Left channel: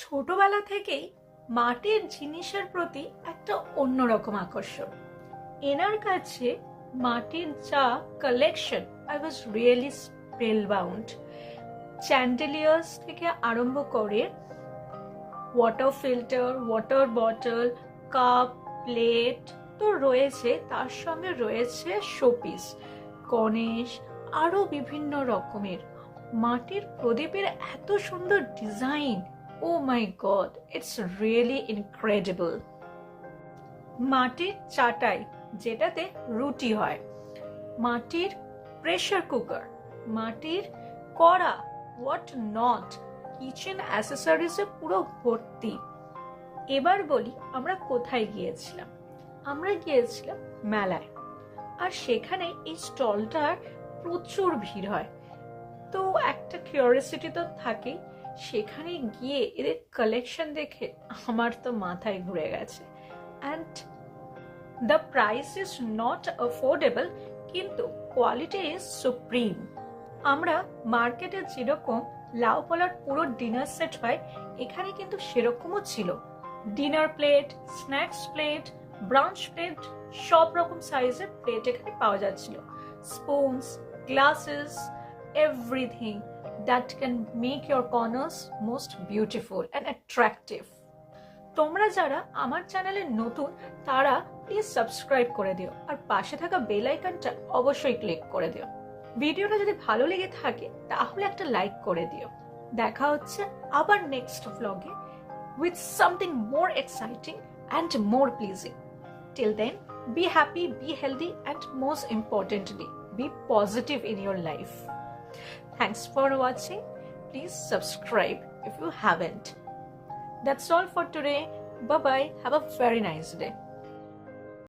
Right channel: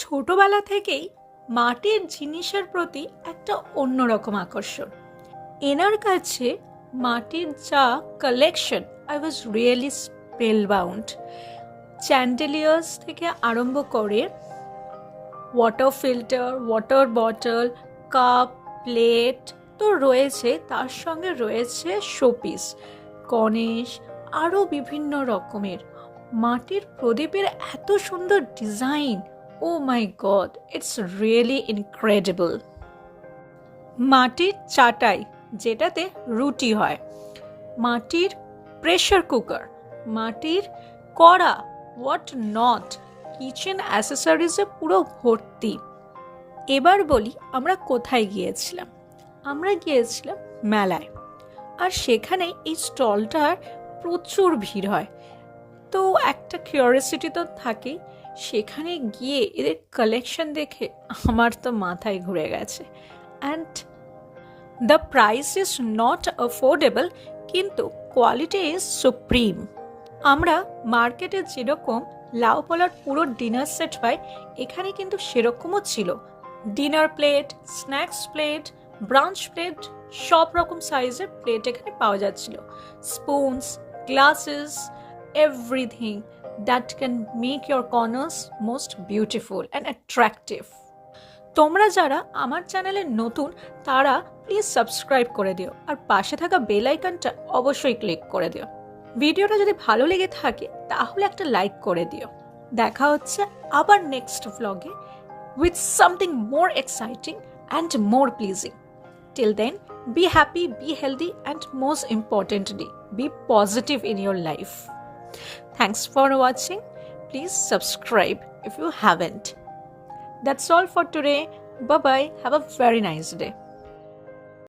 ছোটবেলা থেকেই মাটির জিনিসের প্রতি একটা অন্যরকম আকর্ষণ। এনার কাছে মাটির যা কালেকশন, আই ওয়াজ রিয়েলি স্পেলবাউন্ড। চ্যান্ডেলিয়ার্স থেকে আরম্ভ করে water filter, water bottle, cup, plate তো রয়েছে, তার সঙ্গে রয়েছে শোপিস, গণেশ, আরও বিভিন্ন রকমের মাটির প্রদীপের এত সুন্দর design. Oh my God, it's really incredible. মাটির চাটাই, যেটাতে রুটি হয়, মাটির প্রেশার কুকার, মাটির কড়া, হোয়াট নট, কিচেন অ্যাসেসরিজে পুরো ভর্তি। এবার বলি আমরা কোথায় গিয়েছিলাম। আমরা গিয়েছিলাম মেলায়, আর সেখানে এই স্টলটার প্রচুর ভিড় হয়। তো একটা কিউরিওসিটি তো থাকেই। সেখানে গিয়ে এদের কালেকশন দেখে আমার তো মাথায় ঘুরে গেছে। And the price is not affordable, কিন্তু কোয়ালিটি ইজ সুপ্রিম। আমরা মার্কেটে যেরকম লাউ পলার পুরো ডিনার সেট পাই, এখানে কিন্তু সেরকমও ছিল। Dinner plate, snacks plate, branch plate, সব রকম সাইজের প্লেট এখানে পাওয়া যাচ্ছিল। Spoons, glasses, everything that can make your corners most beautiful and attractive. তোমরা যারা আমার চ্যানেলে নতুন, তারা প্লিজ সাবস্ক্রাইব করে দিও, আর পাশে থাকা বেল আইকনটা অবশ্যই ক্লিক করে দিও। ভিডিওটা যদি ভালো লেগে থাকে তাহলে একটা লাইক করে দিও। দেখা হচ্ছে আবার next ভ্লগে with something more exciting and more pleasing. Till then, be happy, be healthy, and most importantly, be positive in your life. Thanks for watching. Please subscribe if you haven't. That's all for today. Bye bye. Have a very nice day.